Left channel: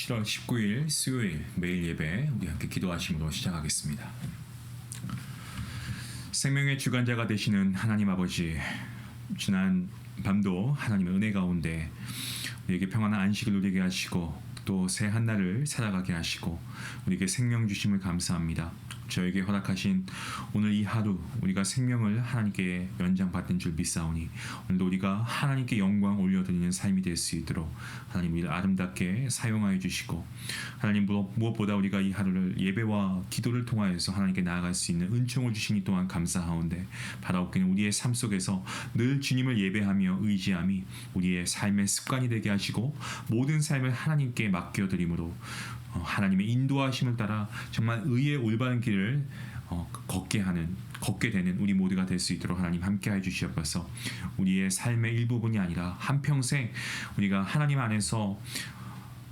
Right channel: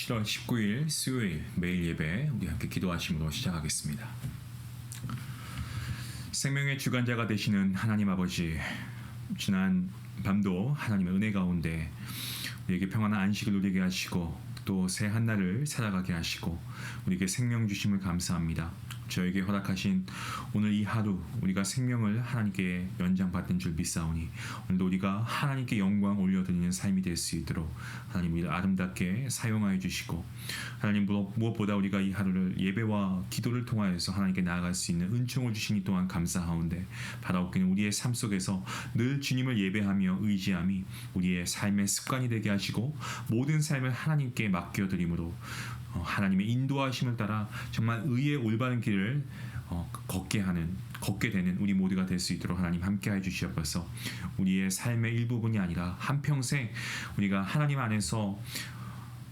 7월 19일 수요일 매일 예배 우리 함께 기도하심으로 시작하겠습니다. 생명의 주관자가 되시는 하나님 아버지, 지난 밤도 하나님의 은혜 가운데 우리에게 평안한 안식을 누리게 하시고 또 새 한날을 살아가게 하시고 우리에게 생명 주심을 감사합니다. 저에게 허락하신 오늘 이 하루 우리가 생명을 하나님께 연장받는 줄 믿사오니 오늘도 우리가 하나님께 영광 올려드리는 삶이 될 수 있도록 하나님 우리를 아름답게 사용하여 주시고, 하나님 무엇보다 우리가 이 하루를 예배와 기도를 통하여서 하나님께 나아갈 수 있는 은총을 주시니 또한 감사하온데, 바라옵기는 우리의 삶 속에서 늘 주님을 예배하며 의지함이 우리의 삶의 습관이 되게 하시고 모든 삶을 하나님께 맡겨드림으로 하나님의 인도하심을 따라 정말 의의 올바른 길을 걷게 되는 우리 모두가 될 수 있도록 하나님 함께해 주시옵소서. 우리의 삶의 일부분이 아니라 한평생 우리가 하나님 안에서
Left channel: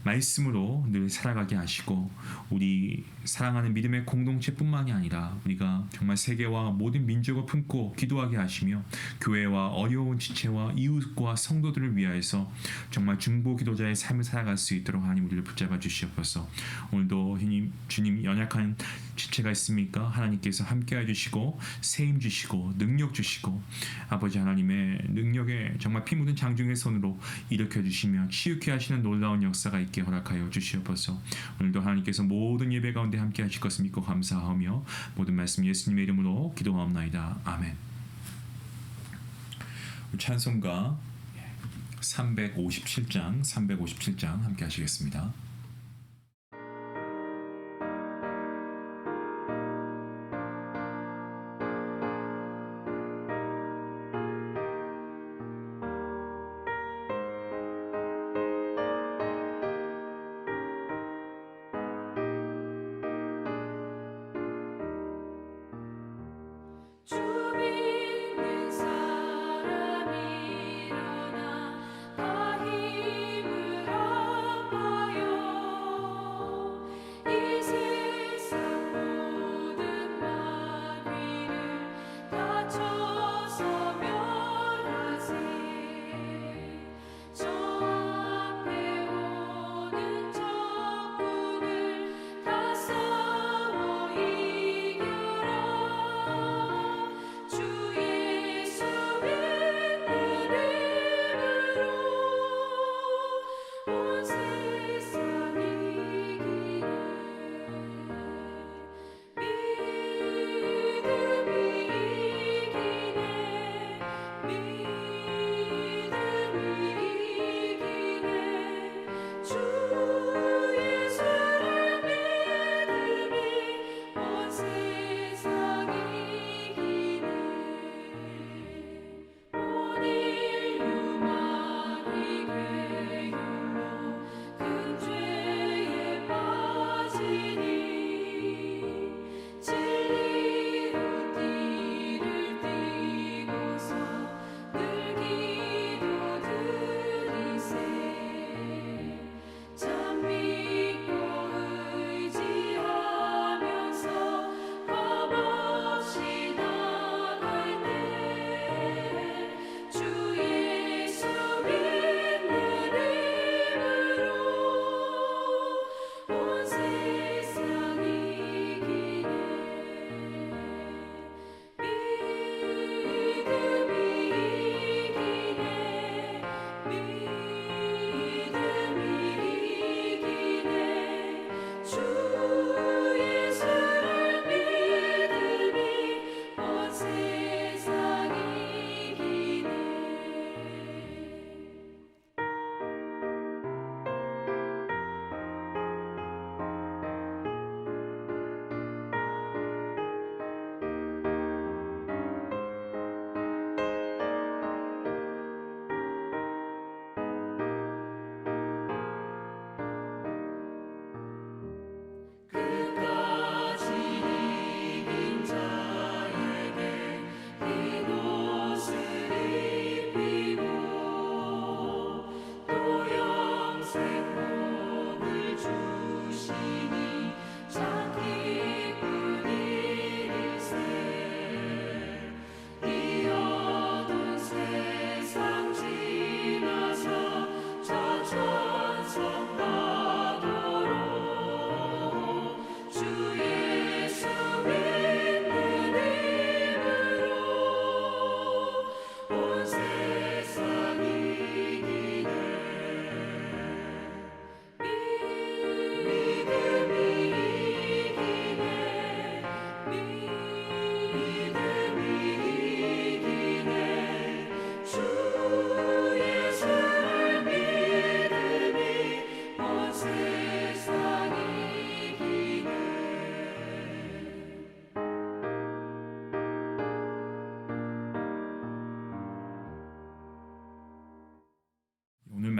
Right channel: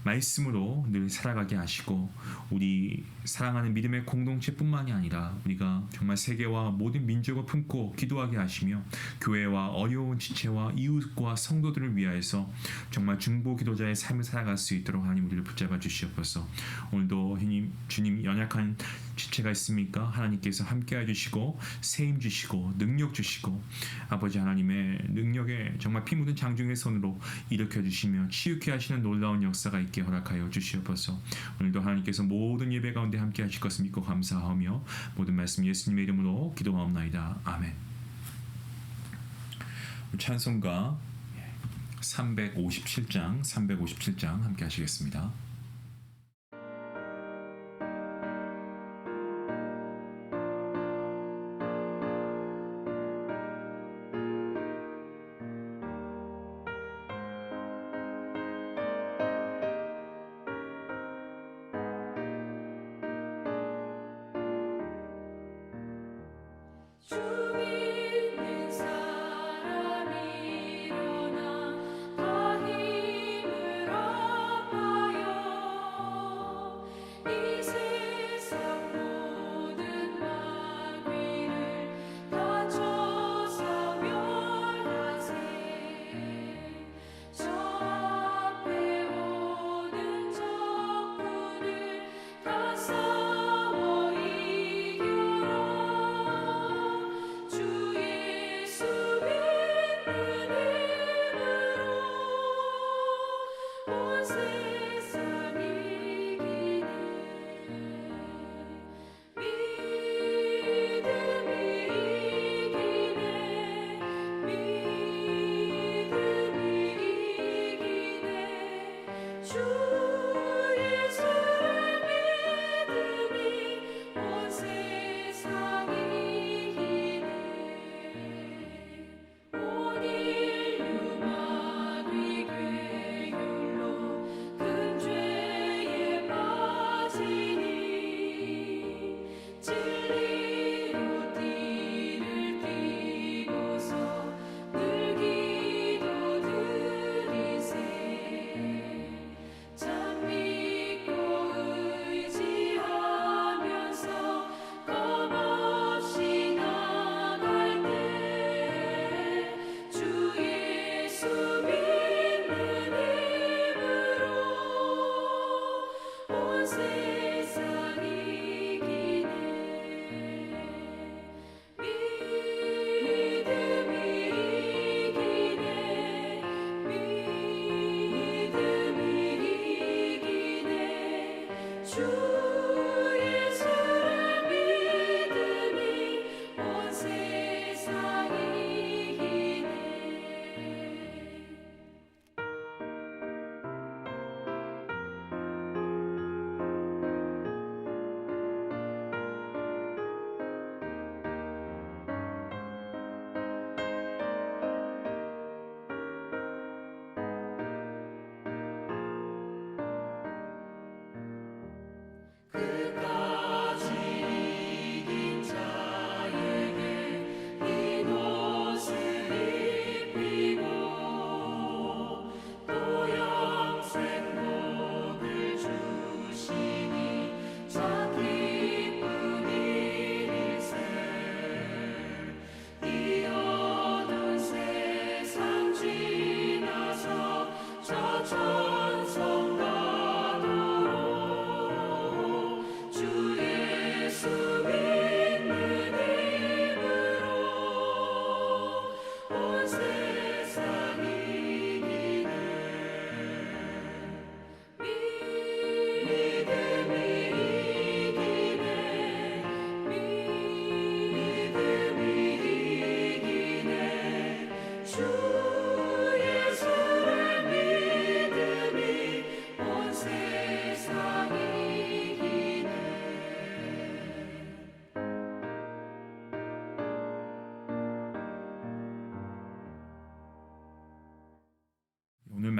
말씀으로 늘 살아가게 하시고, 우리 사랑하는 믿음의 공동체뿐만이 아니라 우리가 정말 세계와 모든 민족을 품고 기도하게 하시며 교회와 어려운 지체와 이웃과 성도들을 위하여서 정말 중보 기도자의 삶을 살아갈 수 있도록 하나님 우리를 붙잡아 주시옵소서. 오늘도 주님 연약한 지체가 있습니까? 하나님께서 함께해 주시고 세임 주시고 능력 주시고 아버지 하나님의 능력에 정말 피 묻은 장중의 손으로 일으켜 주시며 치유케 하시는 놀라운 역사가 있게 허락하여 주시옵소서. 오늘도 하나님께서 모든 예배 가운데 함께 하실 것을 믿고 감사하며 모든 말씀 예수님의 이름으로 기도하옵나이다. 아멘. 찬송가 357장 함께 하시겠습니다.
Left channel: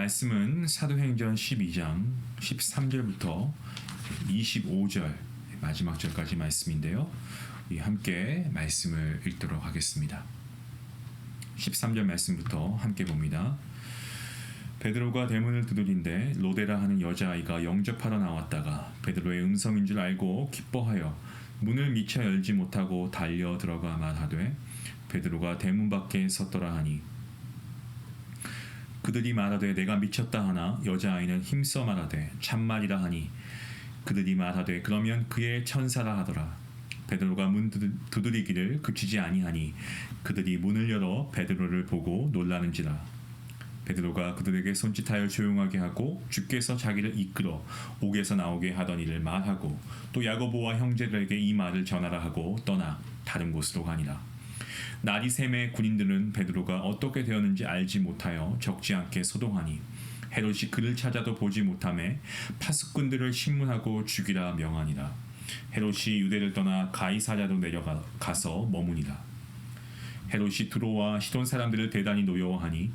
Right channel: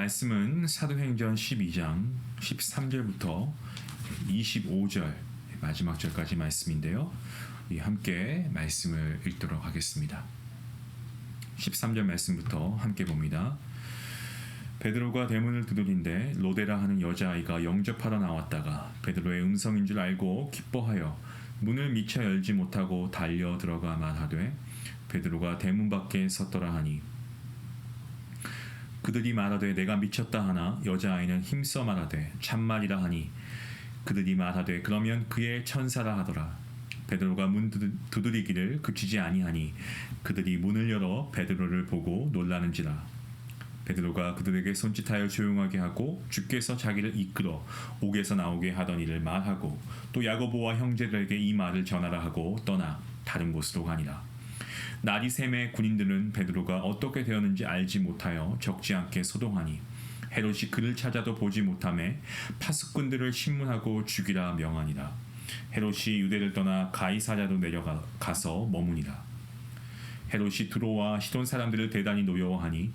말씀은 사도행전 12장 13절부터 25절 마지막 절까지 말씀인데요. 함께 말씀을 읽도록 하겠습니다. 13절 말씀부터 함께 봅니다. 베드로가 대문을 두드린데 로데라 하는 여자아이가 영접하러 나왔다가 베드로의 음성인 줄 알고 기뻐하여 문을 미처 열지 못하고 달려 들어가 말하되 베드로가 대문 밖에 섰더라 하니 그들이 말하되 내가 미쳤다 하나 여자아이는 힘써 말하되 참말이라 하니 그들이 말하되 그러면 그의 천사라 하더라. 베드로가 문 두드리기를 그치지 아니하니 그들이 문을 열어 베드로를 보고 놀라는지라. 베드로가 그들에게 손짓하여 조용하게 하고 주께서 자기를 이끌어 옥에서 나오게 하던 일을 말하고 또 야고보와 형제들에게 이 말을 전하라 하고 떠나 다른 곳으로 가니라. 날이 새매 군인들은 베드로가 어떻게 되었는지 알지 못하여 적지 않게 소동하니 헤롯이 그를 찾아도 보지 못하매 파수꾼들을 신문하고 죽이라 명하니라. 헤롯이 유대를 떠나 가이사랴로 내려가서 머무니라. 헤롯이 두로와 시돈 사람들을 대단히 노여워하니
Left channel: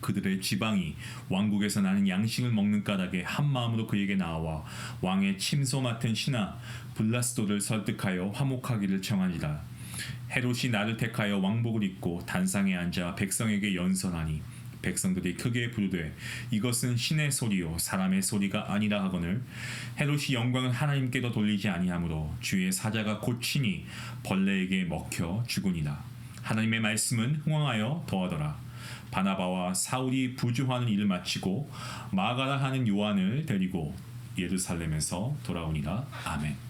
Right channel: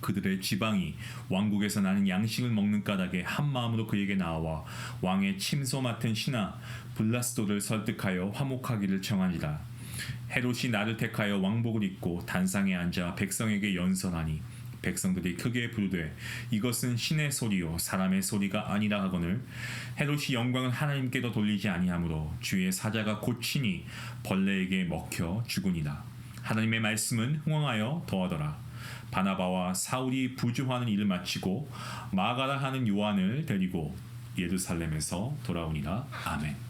그들의 지방이 왕국에서 나는 양식을 먹는 까닭에 한 마음으로 그에게 나와 왕의 침소 맡은 신하 블라스도를 설득하여 화목하기를 청하니라. 헤롯이 나를 택하여 왕복을 입고 단상에 앉아 백성에게 연설하니 백성들이 크게 부르되 이것은 신의 소리요 사람의 소리가 아니라 하거늘 헤롯이 영광을 하나님께도 돌리지 아니하므로 주의 사자가 곧친이 벌레에게 먹혀 죽으니라. 하나님의 말씀은 흥왕하여 더하더라. 바나바와 사울이 부조하는 일을 마치고 마가라 하는 요한을 데리고 예루살렘에서 돌아오니라. 아멘.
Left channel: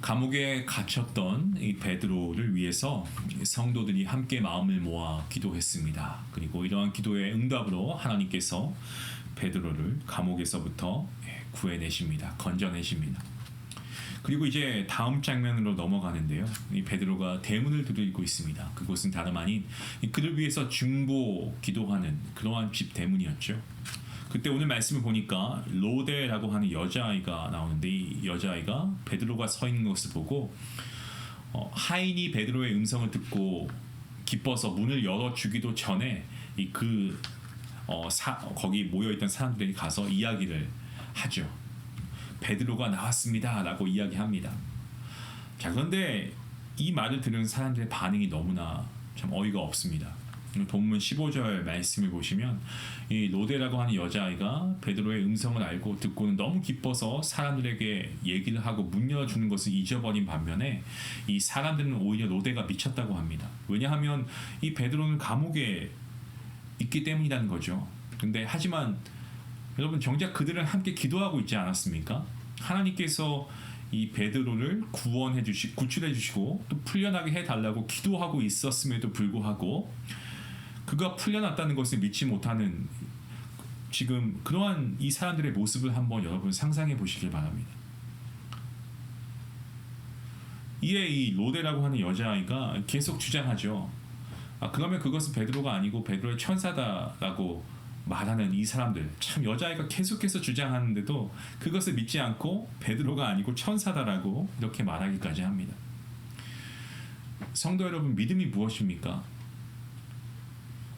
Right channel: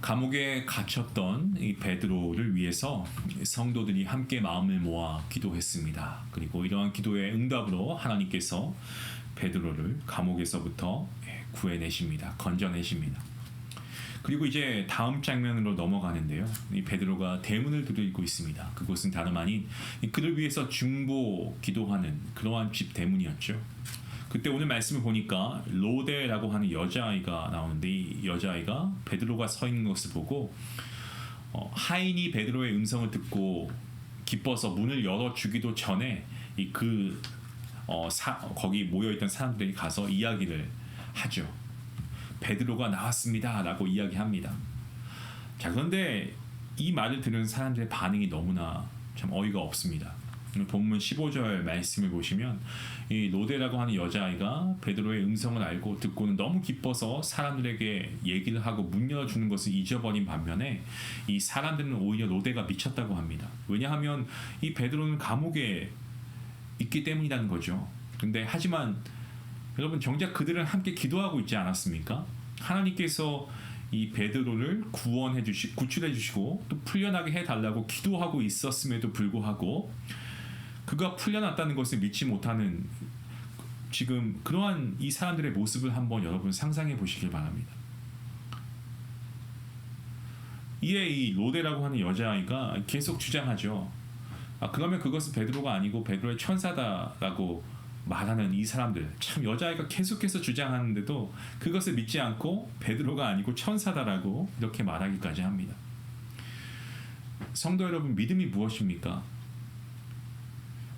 감옥에 갇혔던 이 베드로를 위해서 성도들이 함께 마음을 모아 기도했습니다. 그리고 이러한 기도의 응답으로 하나님께서 베드로를 감옥에서부터 구해내십니다. 건져내십니다. 그리고 이제 다음 장면으로 넘어가는데요. 이 베드로가 대문을 두드리고 있습니다. 그곳은 다름 아닌 그를 위해서 중보 기도하는 그러한 집 대문이었죠. 그때 오늘 말씀을 보니까 로데라고 하는 여자아이가 나오는데 이 여자아이가 베드로가 서 있는 것을 보고 하인이 베드로의 음성을 듣고 기뻐서 문을 열어주기도 전에 거기 모여있던 사람들이 가서 이야기를 하죠. 베드로가 나왔습니다 라고 이야기합니다. 자, 그런데 이 말을 들은 사람들의 반응이 너무나 참 어이가 없습니다. 본문 15절 말씀을 보시면 이 로데라고 하는 여자아이가 베드로의 음성을 알고 듣고는 너무 기뻐서 사람들에게 얘기를 하고 문 열어주는 것을 잊어버린 반면에 이 사람들은 오히려 로데가 미쳤다고 합니다. 왜냐하면 이 베드로는 감옥에 있기 때문이라는 거죠. 근데 하지만 여러분 정작 그들은 함께 기도하고 있지 않았습니까? 하나님께서 이 베드로를 구출해 주시고 또 풀려나게 해달라고 기도하고 있었음에도 불구하고 그가 풀려났다는 것을 믿지 못하는 지금 그러한 이 사람들의 모습을 한번 여러분 상상해 보시길 바랍니다. 이에 이 로데라고 하는 여자아이가 계속 주장하죠. 그러면 그것은 베드로가 아니고 베드로의 천사다라고 말하는 이 사람들, 참 여자아이가 계속해서 주장하는데도 그것을 믿지 않고 베드로가 아니고 천사다라고 이렇게 말하기까지 합니다. 성도 여러분, 믿음이 무엇입니까?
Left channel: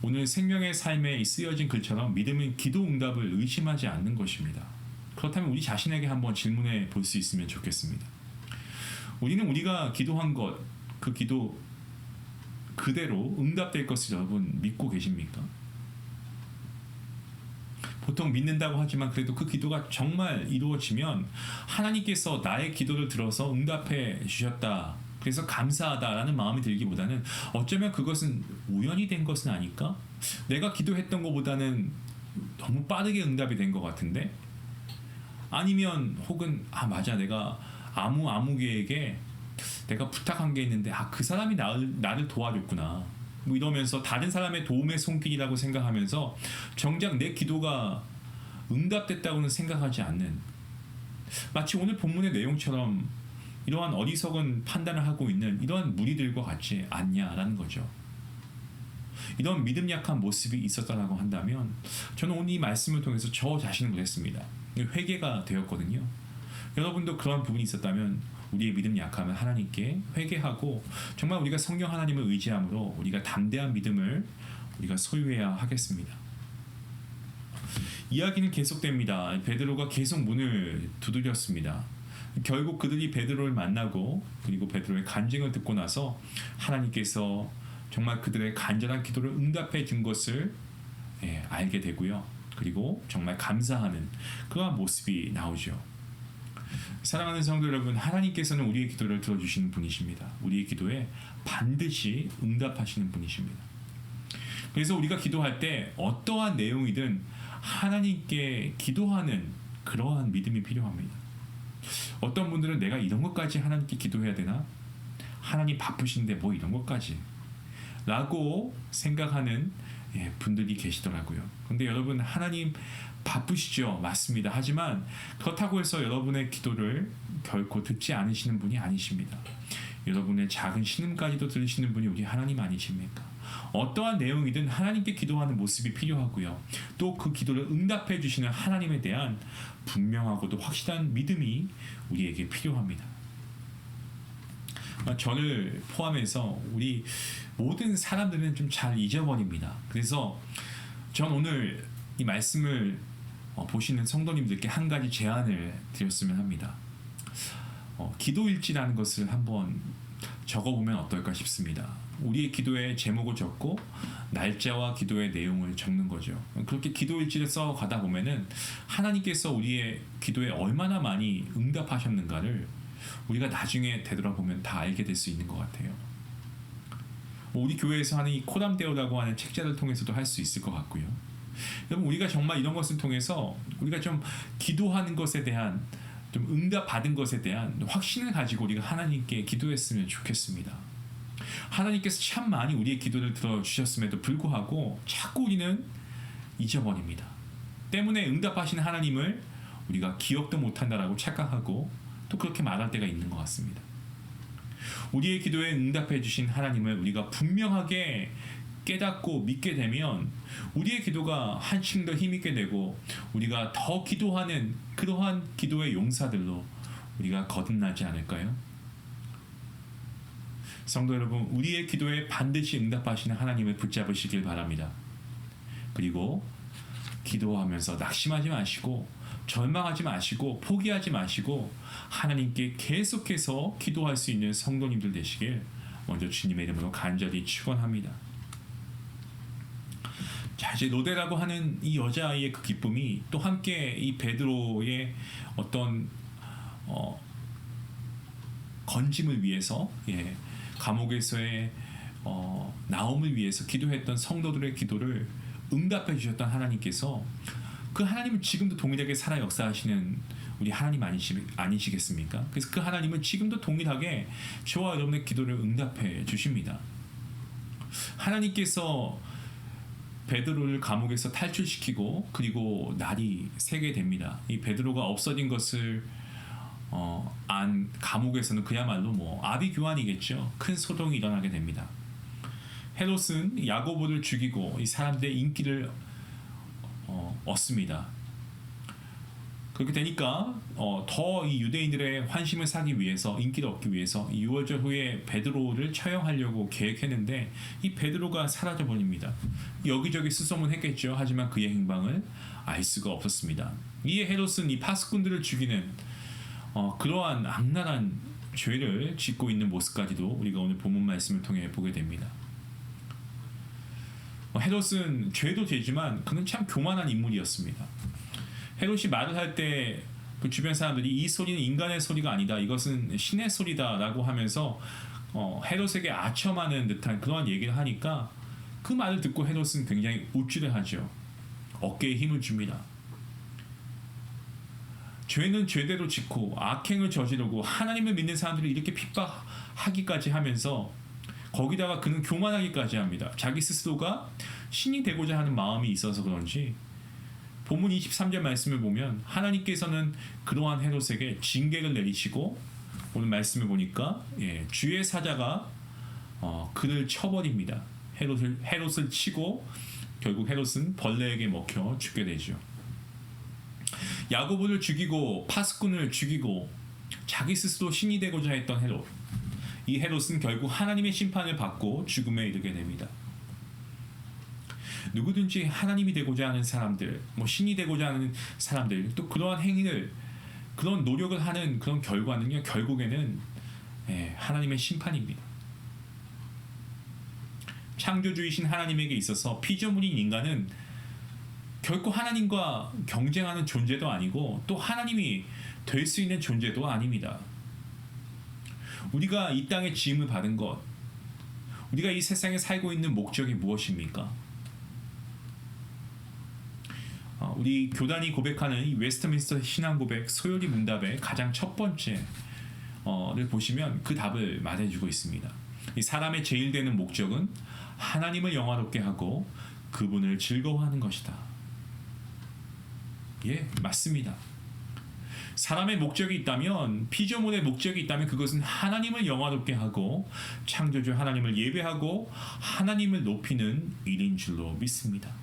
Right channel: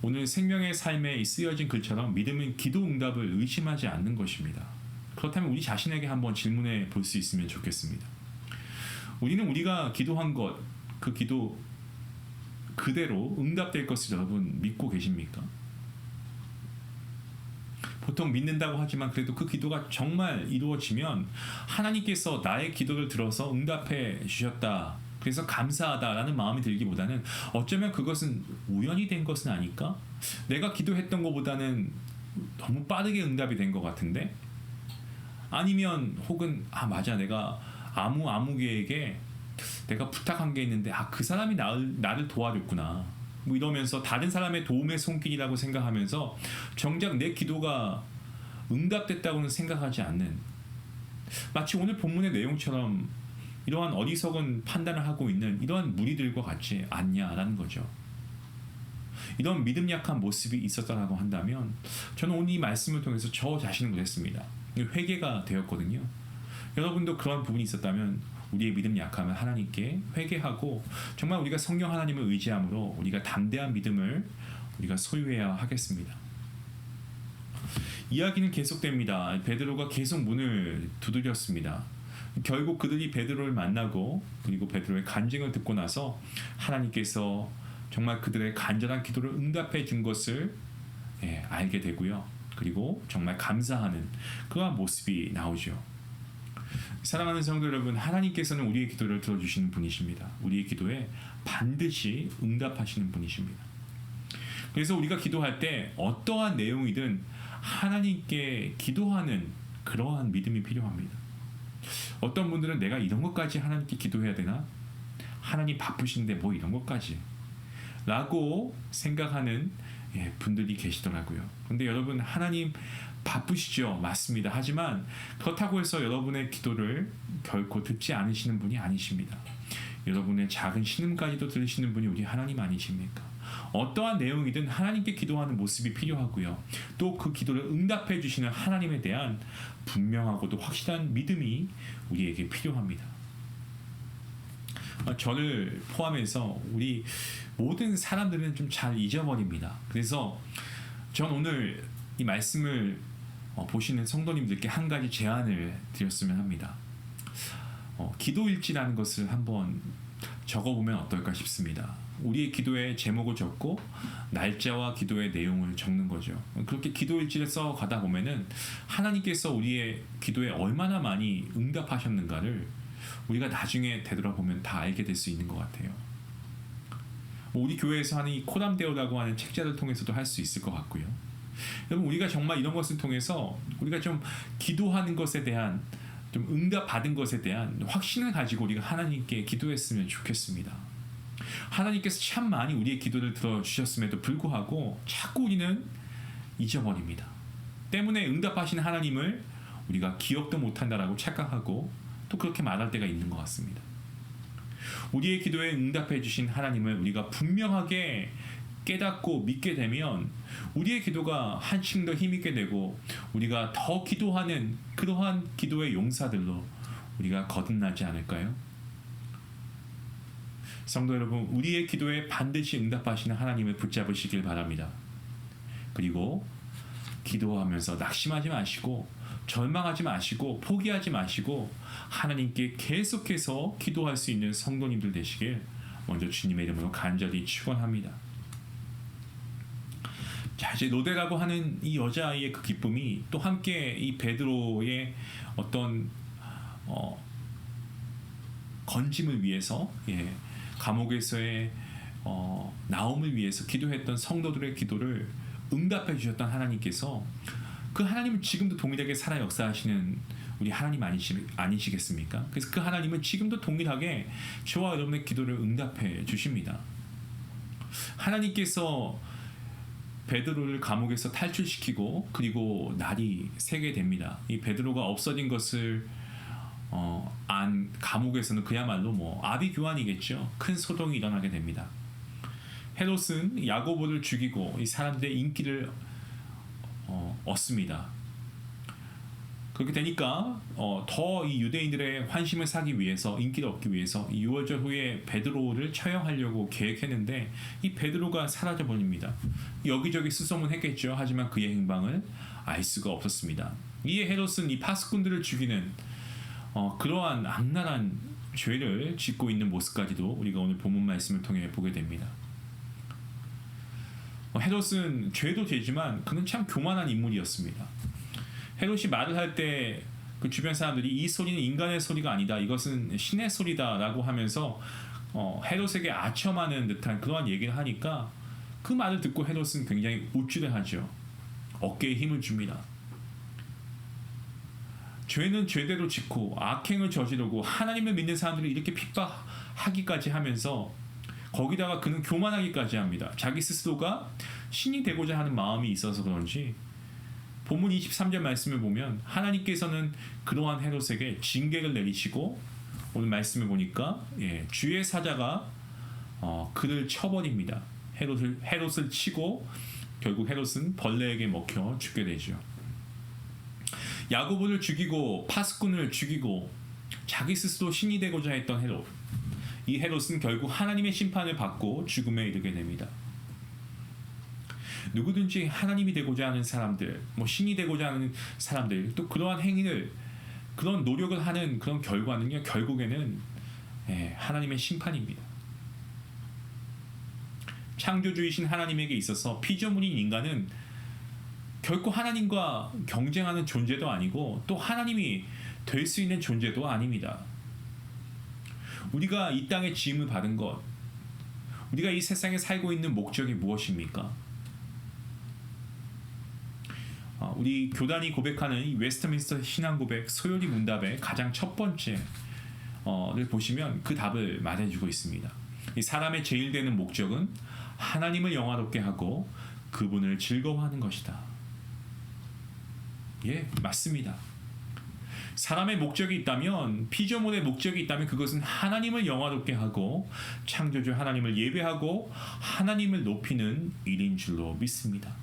오늘 생명의 삶에 쓰여진 글처럼 믿음은 기도 응답을 의심하지 않는 것입니다. 그렇다면 우리 자신에게 한번 질문해 볼 수 있으면 좋겠습니다. 우리는 우리가 기도한 것, 그 기도 그대로 응답될 것을 여러분 믿고 계십니까? 보통 믿는다고 하지만 그래도 그 기도가 정말 이루어지면 하나님께서 나의 기도를 들어서 응답해 주셨다, 그래서 감사하다라는 마음이 들기보다는 어쩌면 그것은 우연히 된 것은 아닐까? 내가 기도했던 것보다는 너무 빠르게 응답이 된 것 같은데? 아니면 혹은 맞아, 내가 아무개에게 내가 부탁한 게 있는데 그 사람이 나를 도와줬구나, 뭐 이러면서 다른 사람의 도움의 손길이라고 생각하면서 정작 내 기도가 응답됐다고는 생각하지 않는, 마치 오늘 본문의 내용처럼 이러한 어리석은 판단을 하고 있는 이러한 무리들과 같지 않냐라는 거죠. 이런 믿음 약한 모습이 있었다라고 한다면 저는 오늘 이 말씀을 통해서 저 자신을 그랬습니다. 회개가 되었거든요. 여러분도 그런 부분이 있었다면 우리의 믿음 약함을 하나님께 회개하고 정말 우리가 성령 하나님을 의지함으로 우리가 담대한 믿음을 우리가 소유해야 하겠습니다. 이야기는 계속됩니다. 베드로가 계속 문을 두드렸습니다. 결국 그들이 베드로를 만나고 그리고 베드로의 간증을 듣고 나서 하나님께서 정말 그들의 간절한 기도를 응답해 준 것을 알게 되고요. 그리고 정말 감사하는 그러한 모습이 나오죠. 사랑하는 성도 여러분, 하나님께서는 우리의 기도를 들어주시는 분이십니다. 우리의 기도에 반드시 응답하시는 분이십니다. 그래서 우리가 기도할 때 어떠한 내용이든 하나님께 기도하는 그러한 믿음이 필요합니다. 어떤 분들은 내가 이런 것까지 하나님께 기도해야 되나? 하나님 바쁘신데 뭐 이런 것까지? 라고 생각하는 분들이 계시더라고요. 근데 여러분, 하나님 바쁘시죠? 맞습니다. 하지만 그렇다고 해서 여러분의 기도를 결코 듣지 않으시는 분이 아니십니다. 여러분의 작은 신음까지도 들으시는 분이 우리 하나님 아니십니까? 어떠한 내용이든 하나님께 기도하는 모습이 필요하고요. 또 그 기도를 응답해 주시는 하나님에 대한 분명하고도 확실한 믿음이 우리에게 필요합니다. 저를 포함해서 우리 모든 사람들은 좀 잘 잊어버립니다. 그래서 전 오늘 이 말씀을 보시는 성도님들께 한 가지 제안을 드렸으면 합니다. 기도일지라는 것을 한번 적어보면 어떨까 싶습니다. 우리의 기도의 제목을 적고 날짜와 기도의 내용을 적는 거죠. 그렇게 기도일지를 써가다 보면은 하나님께서 우리의 기도에 얼마나 많이 응답하셨는가를 우리가 나중에 되돌아보면 다 알게 될 수 있는 것 같아요. 우리 교회에서 하는 이 코담데오라고 하는 책자를 통해서도 할 수 있을 것 같고요. 여러분, 우리가 정말 이런 것을 통해서 우리가 좀 기도하는 것에 대한 좀 응답받은 것에 대한 확신을 가지고 우리가 하나님께 기도했으면 좋겠습니다. 하나님께서 참 많이 우리의 기도를 들어주셨음에도 불구하고 자꾸 우리는 잊어버립니다. 때문에 응답하시는 하나님을 우리가 기억도 못한다라고 착각하고 또 그렇게 말할 때가 있는 것 같습니다. 우리의 기도에 응답해 주신 하나님을 우리가 분명하게 깨닫고 믿게 되면 우리의 기도가 한층 더 힘있게 되고 우리가 더 기도하는 그러한 기도의 용사들로 우리가 거듭나지 않을까요? 성도 여러분, 우리의 기도에 반드시 응답하시는 하나님을 붙잡으시길 바랍니다. 그리고 기도하면서 낙심하지 마시고 절망하지 마시고 포기하지 마시고 하나님께 계속해서 기도할 수 있는 성도님들 되시길 먼저 주님의 이름으로 간절히 축원합니다. 자, 이제 로데라고 하는 이 여자아이의 그 기쁨이 또 함께 이 베드로의 어떤 건짐을 위해서 감옥에서의 나옴을 위해서 기도했던 성도들의 기도를 응답해 주셨던 하나님께서 그 하나님은 지금도 동일하게 살아 역사하시는 우리 하나님 아니시겠습니까? 그래서 그 하나님은 지금도 동일하게 저와 여러분의 기도를 응답해 주십니다. 하나님께서 베드로를 감옥에서 탈출시키고 그리고 날이 새게 됩니다. 이 베드로가 없어진 것을 안 감옥에서는 그야말로 아비규환이겠죠. 큰 소동이 일어나게 됩니다. 헤롯은 야고보를 죽이고 이 사람들의 인기를 얻습니다. 그렇게 되니까 더 이 유대인들의 환심을 사기 위해서 인기를 얻기 위해서 이 유월절 후에 베드로를 처형하려고 계획했는데 이 베드로가 사라져 버립니다. 여기저기 수소문했겠죠. 하지만 그의 행방을 알 수가 없었습니다. 이에 헤롯은 이 파수꾼들을 죽이는 그러한 악랄한 죄를 짓고 있는 모습까지도 우리가 오늘 본문 말씀을 통해 보게 됩니다. 헤롯은 죄도 죄지만 그는 참 교만한 인물이었습니다. 헤롯이 말을 할 때 그 주변 사람들이 이 소리는 인간의 소리가 아니다, 이것은 신의 소리다라고 하면서 헤롯에게 아첨하는 듯한 그러한 얘기를 하니까 그 말을 듣고 헤롯은 굉장히 우쭐해하죠. 어깨에 힘을 줍니다. 죄는 죄대로 짓고 악행을 저지르고 하나님을 믿는 사람들을 이렇게 핍박하기까지 하면서 거기다가 그는 교만하기까지 합니다. 자기 스스로가 신이 되고자 하는 마음이 있어서 그런지 본문 23절 말씀을 보면 하나님께서는 그러한 헤롯에게 징계를 내리시고 오늘 말씀을 보니까 주의 사자가 그를 쳐버립니다. 헤롯을 치고 결국 헤롯은 벌레에게 먹혀 죽게 되죠. 야고보를 죽이고 파수꾼을 죽이고 자기 스스로 신이 되고자 했던 헤롯, 이 헤롯은 결국 하나님의 심판을 받고 죽음에 이르게 됩니다. 누구든지 하나님이 되고자 하는 사람들, 뭐 신이 되고자 하는 사람들, 또 그러한 행위를, 그런 노력을 하는 그런 결과는요, 결국에는 하나님의 심판입니다. 창조주이신 하나님에게 있어서 피조물인 인간은 결코 하나님과 경쟁하는 존재도 아니고 또 하나님이 될 수 있는 존재도 아닙니다. 우리가 이 땅에 지음을 받은 것, 우리가 이 세상에 살고 있는 목적이 무엇입니까? 우리 교단이 고백하는 이 웨스트민스터 신앙 고백 소요리 문답의 가장 첫 번째를 보시면 그 답을 말해주고 있습니다. 이 사람의 제일 되는 목적은 하나님을 영화롭게 하고 그분을 즐거워하는 것이다. 예, 맞습니다. 사람의 목적이 있다면, 피조물의 목적이 있다면 그것은 하나님을 영화롭게 하고 창조주 하나님을 예배하고 하나님을 높이는 일인 줄로 믿습니다.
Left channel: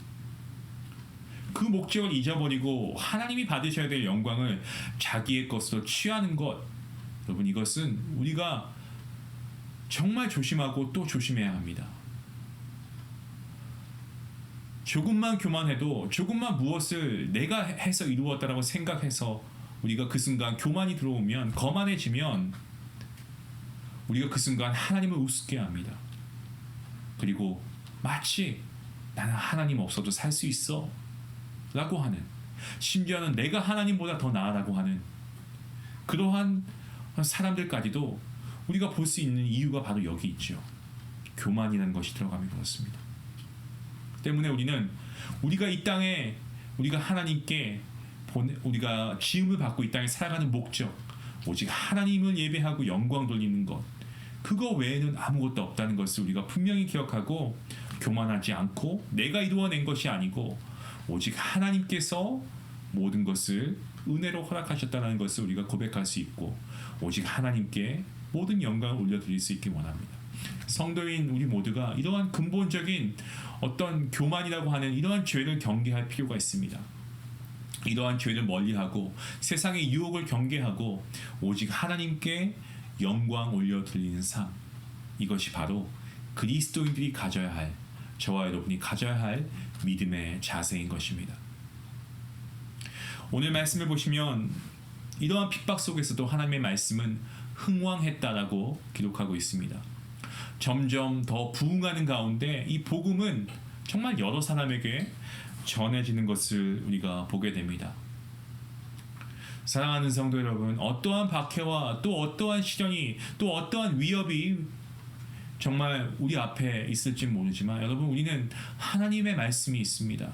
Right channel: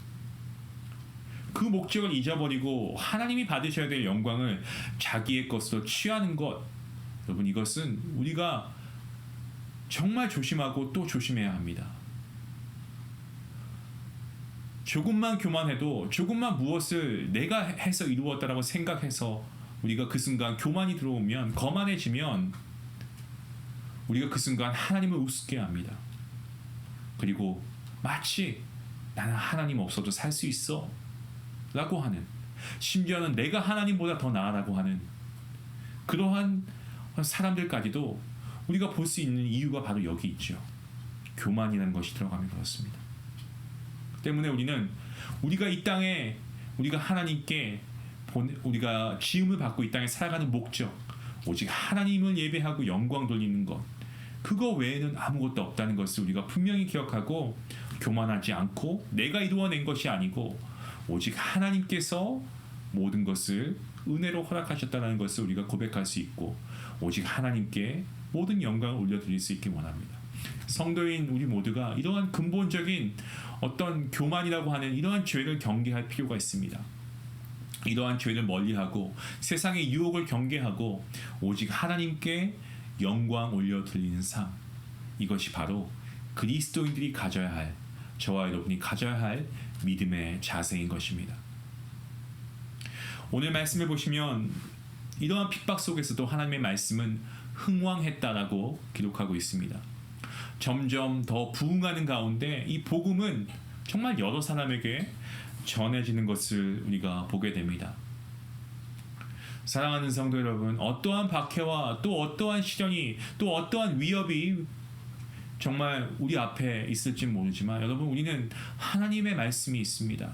그 목적을 잊어버리고 하나님이 받으셔야 될 영광을 자기의 것으로 취하는 것, 여러분, 이것은 우리가 정말 조심하고 또 조심해야 합니다. 조금만 교만해도, 조금만 무엇을 내가 해서 이루었다라고 생각해서 우리가 그 순간 교만이 들어오면, 거만해지면 우리가 그 순간 하나님을 우습게 합니다. 그리고 마치 나는 하나님 없어도 살 수 있어 라고 하는, 심지어는 내가 하나님보다 더 나아라고 하는 그러한 사람들까지도 우리가 볼 수 있는 이유가 바로 여기 있죠. 교만이라는 것이 들어가면 그렇습니다. 때문에 우리가 이 땅에, 우리가 하나님께 우리가 지음을 받고 이 땅에 살아가는 목적, 오직 하나님을 예배하고 영광 돌리는 것, 그거 외에는 아무것도 없다는 것을 우리가 분명히 기억하고, 교만하지 않고 내가 이루어낸 것이 아니고 오직 하나님께서 모든 것을 은혜로 허락하셨다는 것을 우리가 고백할 수 있고, 오직 하나님께 모든 영광을 올려드릴 수 있기 원합니다. 성도인 우리 모두가 이러한 근본적인 어떤 교만이라고 하는 이러한 죄를 경계할 필요가 있습니다. 이러한 죄를 멀리하고 세상의 유혹을 경계하고 오직 하나님께 영광 올려드리는 삶, 이것이 바로 그리스도인들이 가져야 할, 저와 여러분이 가져야 할 믿음의 자세인 것입니다. 오늘 말씀을 보시면 이러한 핍박 속에서도 하나님의 말씀은 흥왕했다라고 기록하고 있습니다. 점점 더 부흥하는 가운데 이 복음은 정말 여러 사람에게 전해지는 것을 우리가 보게 됩니다. 사랑하는 성도 여러분, 어떠한 박해와 또 어떠한 시련이, 또 어떠한 위협이 정말 우리 앞에 있을지 모르지만, 여러분, 우리는 하나님의 말씀이 있습니다.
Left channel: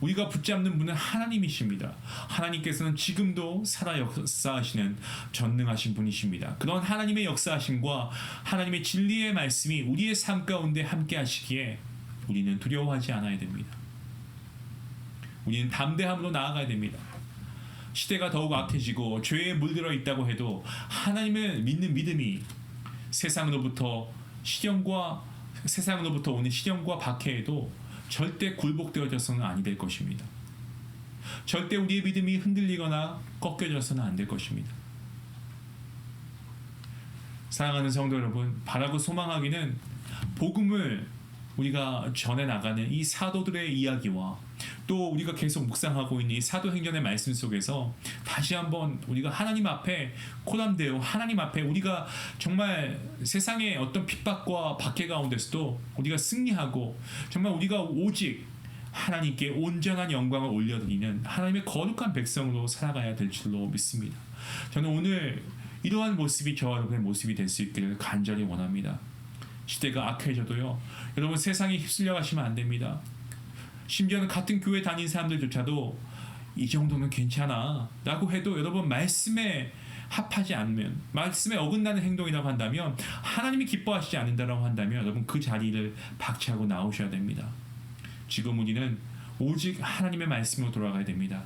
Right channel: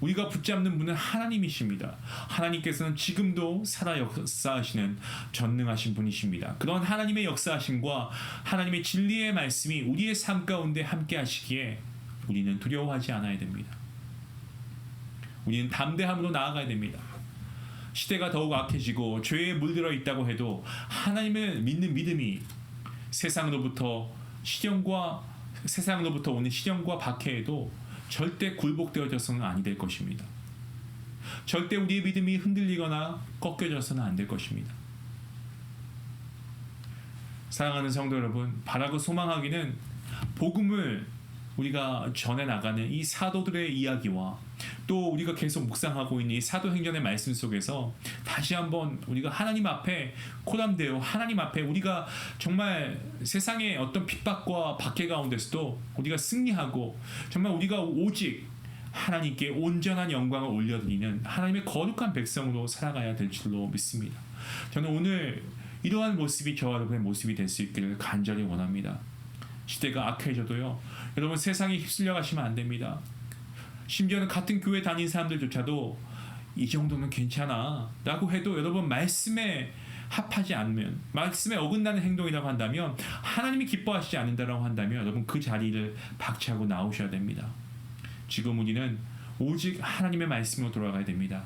우리가 붙잡는 분은 하나님이십니다. 하나님께서는 지금도 살아 역사하시는 전능하신 분이십니다. 그런 하나님의 역사하심과 하나님의 진리의 말씀이 우리의 삶 가운데 함께 하시기에 우리는 두려워하지 않아야 됩니다. 우리는 담대함으로 나아가야 됩니다. 시대가 더욱 악해지고 죄에 물들어 있다고 해도 하나님을 믿는 믿음이 세상으로부터 오는 시련과 박해에도 절대 굴복되어져서는 아니 될 것입니다. 절대 우리의 믿음이 흔들리거나 꺾여져서는 안 될 것입니다. 사랑하는 성도 여러분, 바라고 소망하기는 복음을 우리가 전해 나가는 이 사도들의 이야기와 또 우리가 계속 묵상하고 있는 이 사도행전의 말씀 속에서 다시 한번 우리가 하나님 앞에 코담되어, 하나님 앞에 우리가 정말 세상의 어떤 핍박과 박해 가운데서도 우리가 승리하고 정말 우리가 오직 하나님께 온전한 영광을 올려드리는 하나님의 거룩한 백성으로 살아가야 될 줄로 믿습니다. 저는 오늘 이러한 모습이 저와 여러분의 모습이 될 수 있기를 간절히 원합니다. 시대가 악해져도요, 여러분, 세상에 휩쓸려 가시면 안 됩니다. 심지어는 같은 교회 다닌 사람들조차도 이 정도면 괜찮아 라고 해도, 여러분, 말씀에 합하지 않으면, 말씀에 어긋나는 행동이라고 한다면, 하나님이 기뻐하시지 않는다라고 한다면, 여러분, 그 자리를 박차고 나오셔야 됩니다. 지금 우리는 오직 하나님의 말씀으로 돌아가야 됩니다.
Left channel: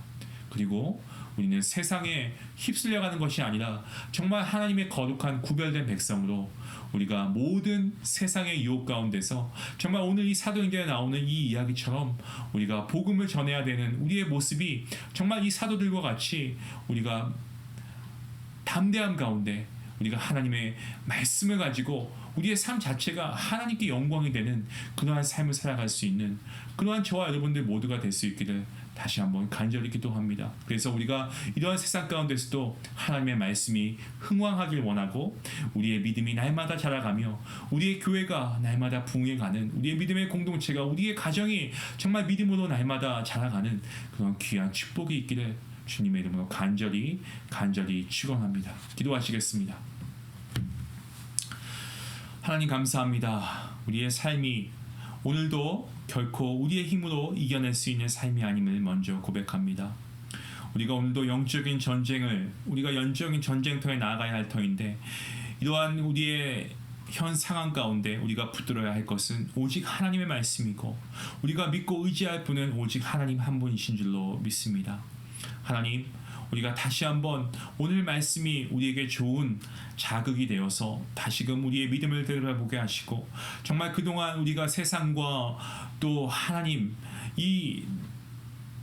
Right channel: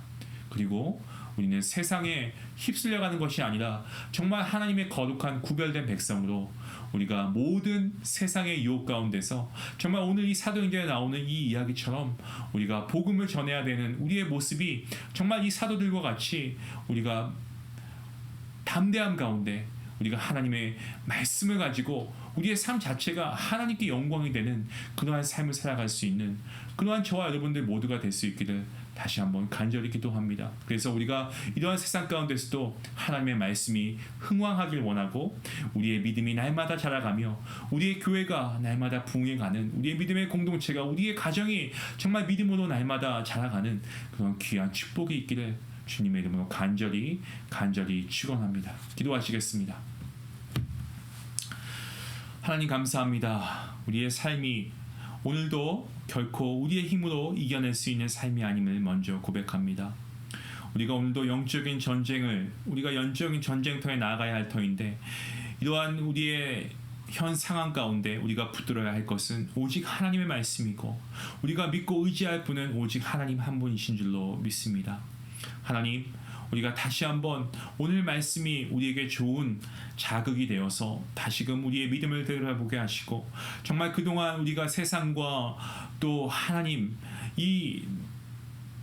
그리고 우리는 세상에 휩쓸려가는 것이 아니라 정말 하나님의 거룩한 구별된 백성으로 우리가 모든 세상의 유혹 가운데서 정말 오늘 이 사도행전에 나오는 이 이야기처럼 우리가 복음을 전해야 되는 우리의 모습이 정말 이 사도들과 같이 우리가 담대함 가운데 우리가 하나님의 말씀을 가지고 우리의 삶 자체가 하나님께 영광이 되는 그러한 삶을 살아갈 수 있는 그러한 저와 여러분들 모두가 될 수 있기를 다시 한번 간절히 기도합니다. 그래서 우리가 이러한 세상 가운데서도 하나님의 말씀이 흥왕하길 원하고 우리의 믿음이 날마다 자라가며 우리의 교회가 날마다 부흥해가는 우리의 믿음의 공동체가 우리의 가정이 정말 믿음으로 날마다 자라가는 그런 귀한 축복이 있기를 주님의 이름으로 간절히 축원합니다. 기도하시겠습니다. 하나님 감사합니다. 우리의 삶이 오늘도 결코 우리의 힘으로 이겨낼 수 있는 삶이 아님을 먼저 고백합니다. 우리가 오늘도 영적인 전쟁을 우리가 영적인 전쟁터에 나아가야 할 터인데 이러한 우리의 현 상황 가운데 우리가 붙들어야 할 것은 오직 하나님의 말씀이고 우리가 믿고 의지할 분은 오직 하나님 한 분이신 줄로 믿습니다. 하나님, 우리가 다시 한번 오늘 말씀이 우리에게 좋은 자극이 되어서 다시금 우리의 믿음을 되돌아보게 하시고 정말 그동안 우리가 세상과 또 하나님 이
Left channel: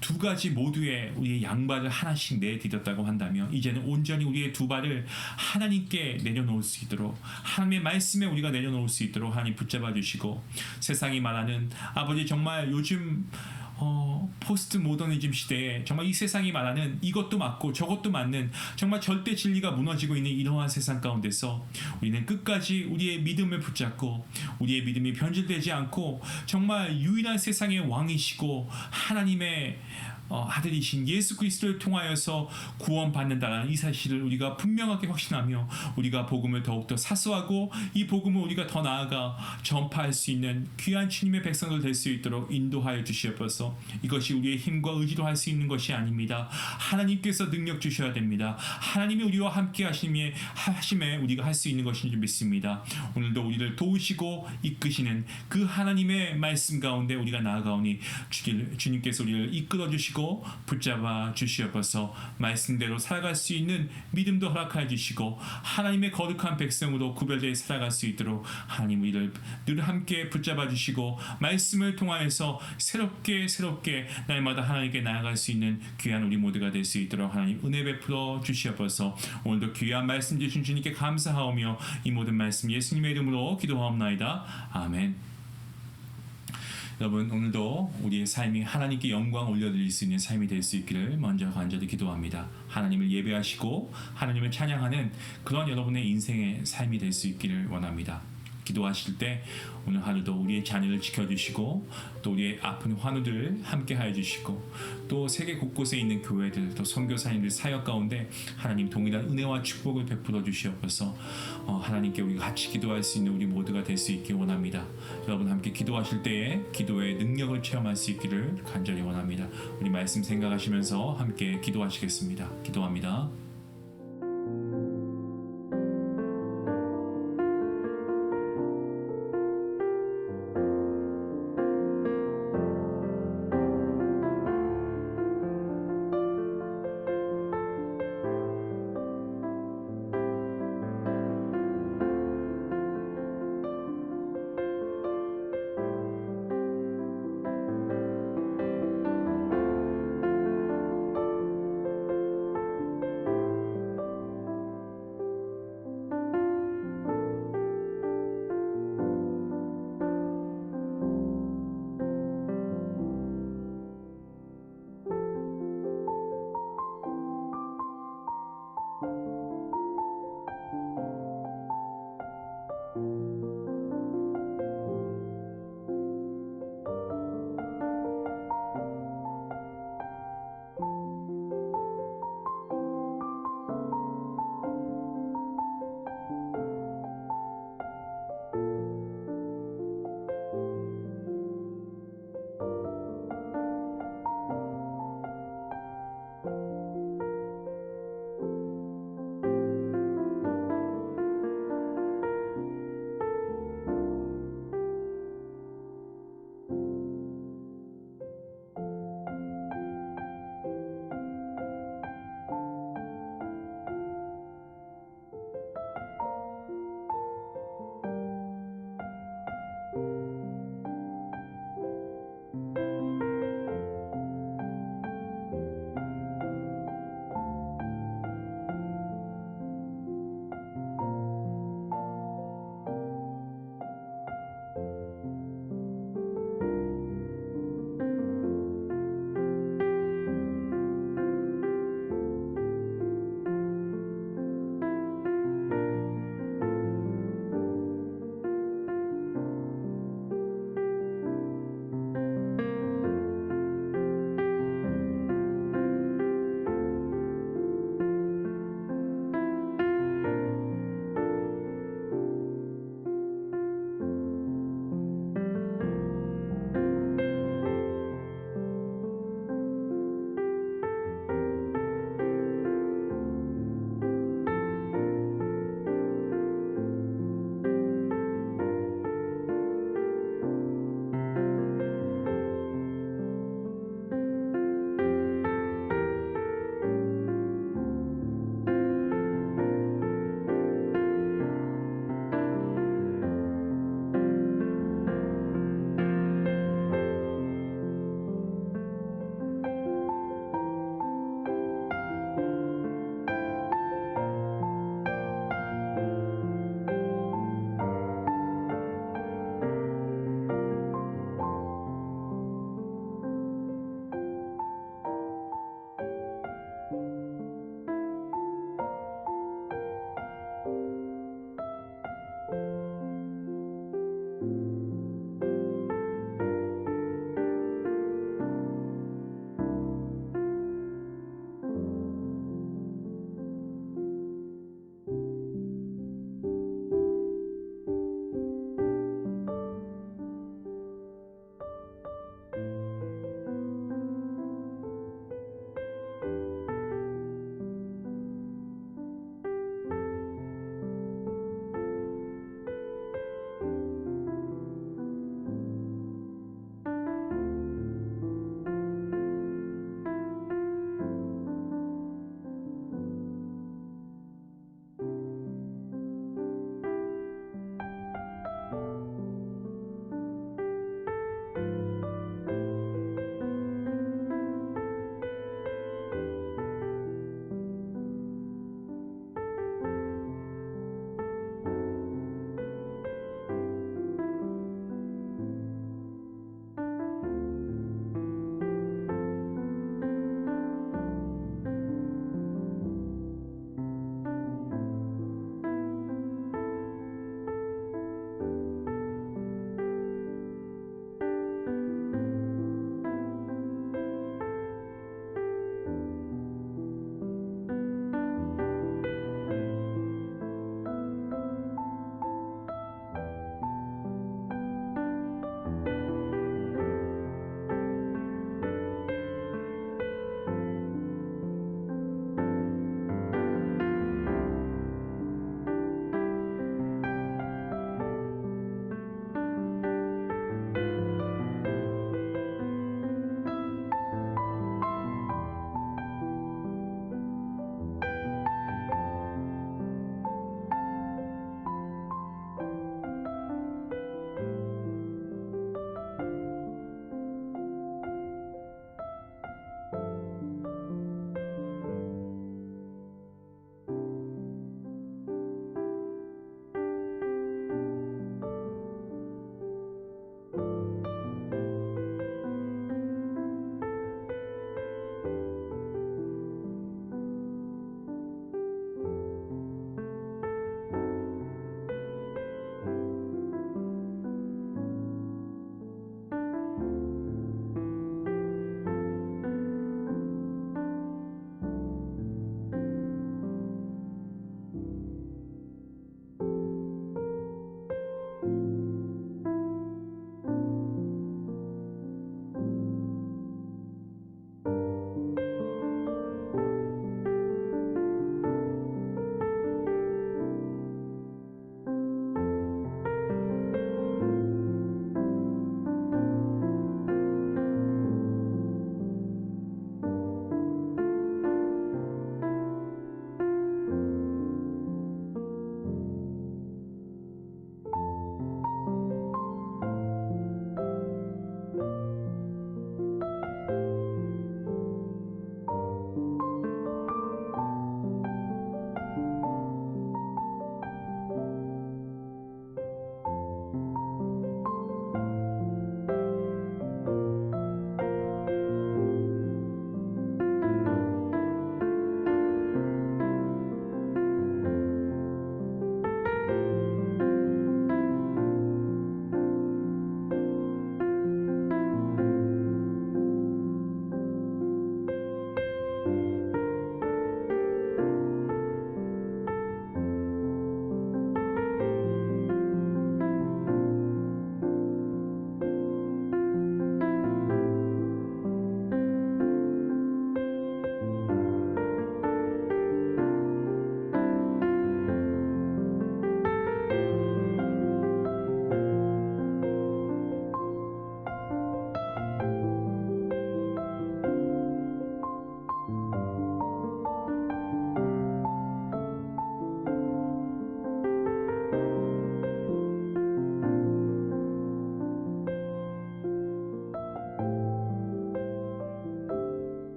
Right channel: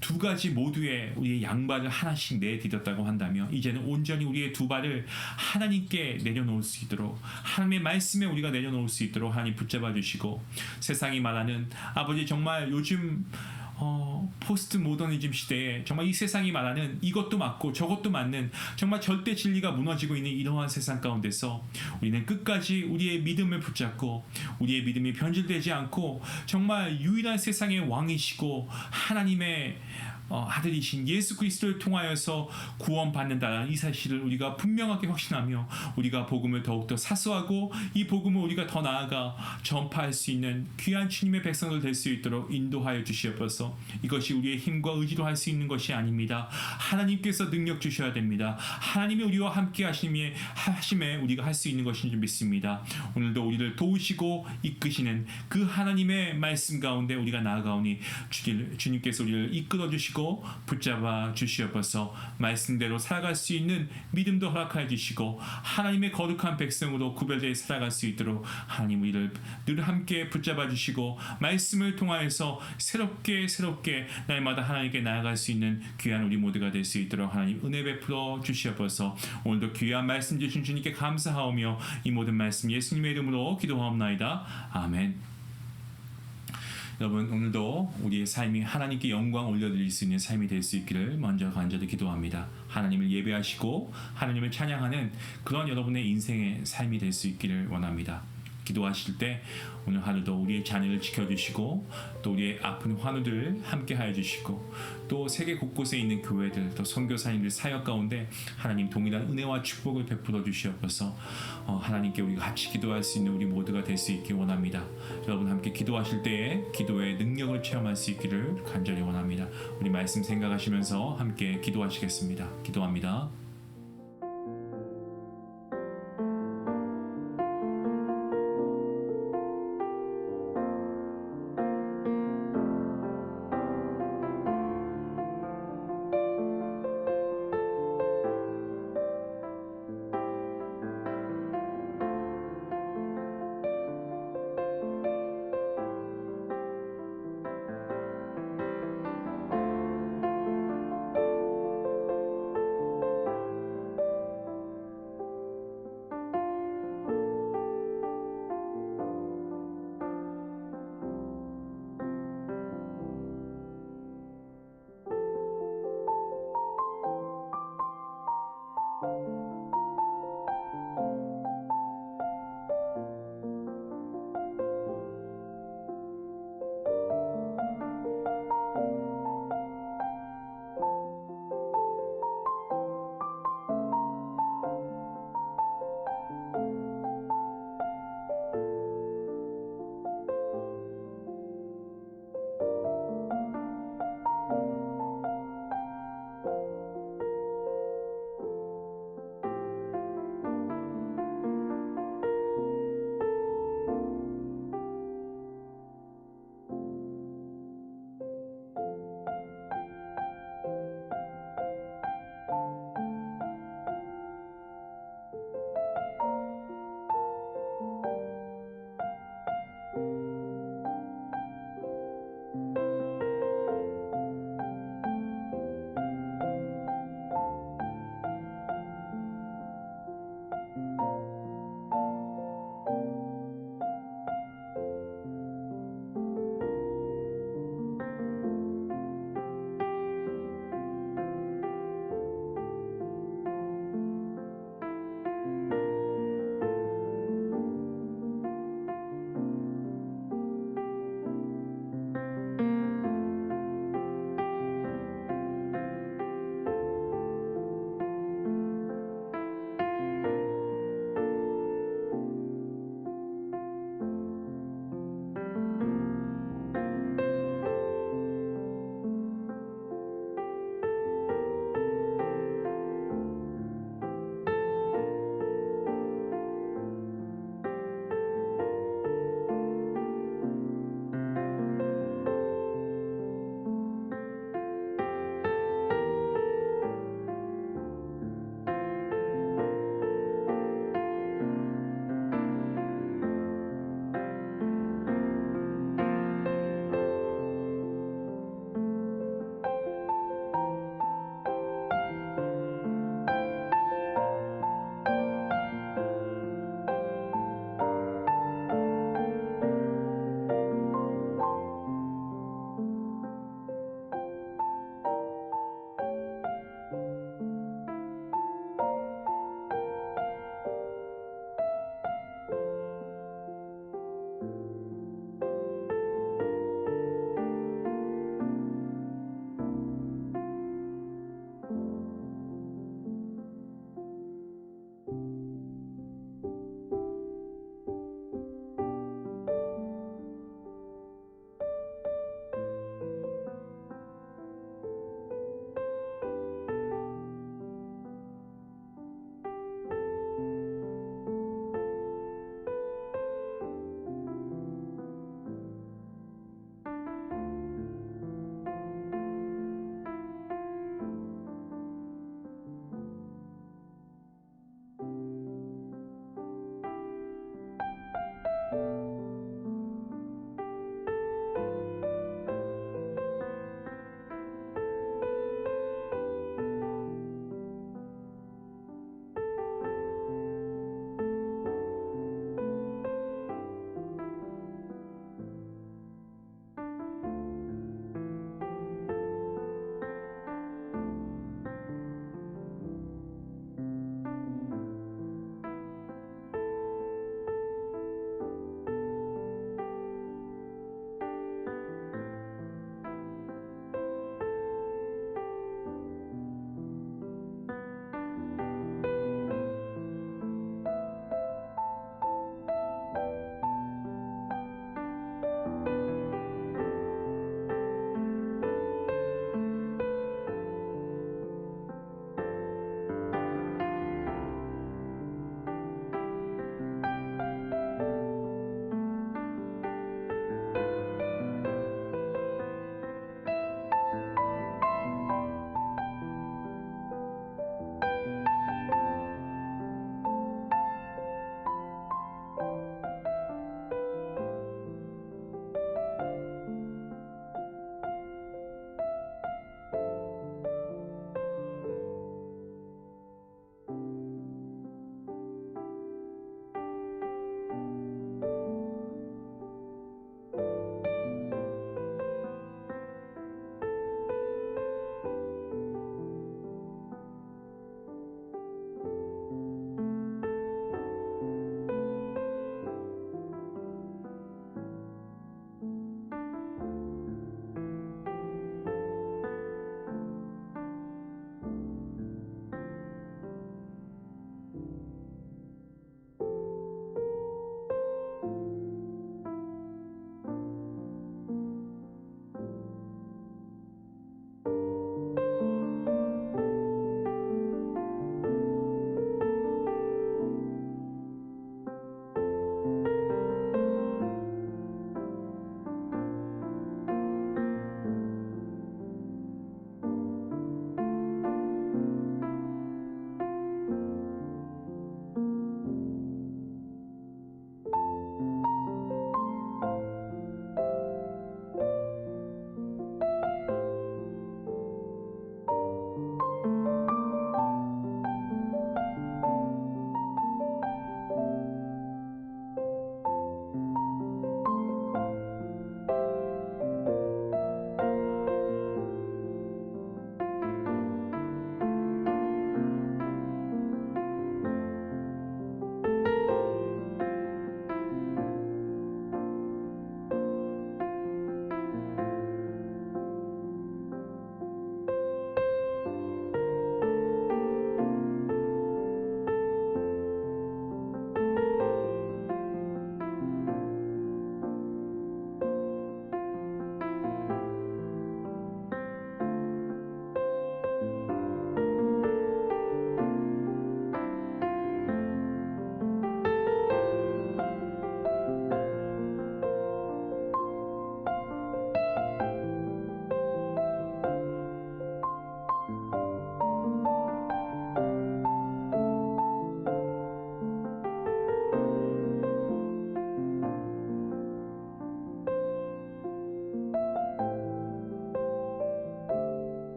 두 가지 모두에 우리의 양발을 하나씩 내디뎠다고 한다면 이제는 온전히 우리의 두 발을 하나님께 내려놓을 수 있도록 하나님의 말씀에 우리가 내려놓을 수 있도록 하나님 붙잡아 주시고 세상이 말하는 아버지 정말 요즘 포스트 모더니즘 시대에 정말 이 세상이 말하는 이것도 맞고 저것도 맞는 정말 절대 진리가 무너지고 있는 이러한 세상 가운데서 우리는 끝까지 우리의 믿음을 붙잡고 우리의 믿음이 변질되지 않고 정말 유일한 세상의 왕이시고 하나님의 아들이신 예수 그리스도를 통하여서 구원받는다는 이 사실을 우리가 분명하게 확신하며 우리가 복음을 더욱더 사수하고 이 복음을 우리가 더 나아가 전파할 수 있는 귀한 주님의 백성들 될 수 있도록 인도하여 주시옵소서. 이것이 우리의 힘과 의지로 할 수 있는 것이 아닙니다. 하나님께서 능력 주셔야 됩니다. 하나님이 우리와 함께 하심에 우리가 할 수 있는 것인 줄 믿습니다. 오늘도 우리를 도우시고 이끄시는 그 하나님의 말씀 가운데 우리가 나아가오니 주님께서 우리를 이끌어 주시고 붙잡아 주시옵소서. 말씀대로 살아갈 수 있는 믿음도 허락하여 주시고 하나님의 거룩한 백성으로 구별되어 살아갈 수 있도록 하나님 우리를 늘 함께 붙잡아 주시고 말씀을 통하여서 새롭게 날마다 하나님께 나아갈 수 있는 귀한 우리 모두가 될 수 있도록 하나님 은혜 베풀어 주시옵소서. 오늘도 귀한 말씀 주신 주님께 감사하오며 이 모든 말씀 예수님의 이름으로 기도하옵나이다. 아멘. 여러분 오늘도 우리의 삶이 하나님께 영광 올려드릴 수 있는 삶이 될 수 있기를 먼저 간절히 기도합니다. 하나님을 예배하시고 하나님을 찬양하는 그런 여러분의 인생의 삶이 될 수 있기를 원합니다. 기도하실 때 오늘 하루도 우리의 자녀를 지켜주시고 또 우리의 아픈 환우들을 함께 하여 주시고 또 세계 곳곳에 있는 교회들 또 선교사님들 사역 가운데 하나님 동일한 은혜와 축복을 베풀어 주시옵소서. 하나님께 우리가 같이 기도할 수 있는 우리 모두가 될 수 있기 원합니다. 여러분 함께 기도하실 때에 기도의 능력을 체험할 수 있기를 간절히 원합니다. 우리 말씀 생각하시면서 함께 기도하시겠습니다. 기도합니다.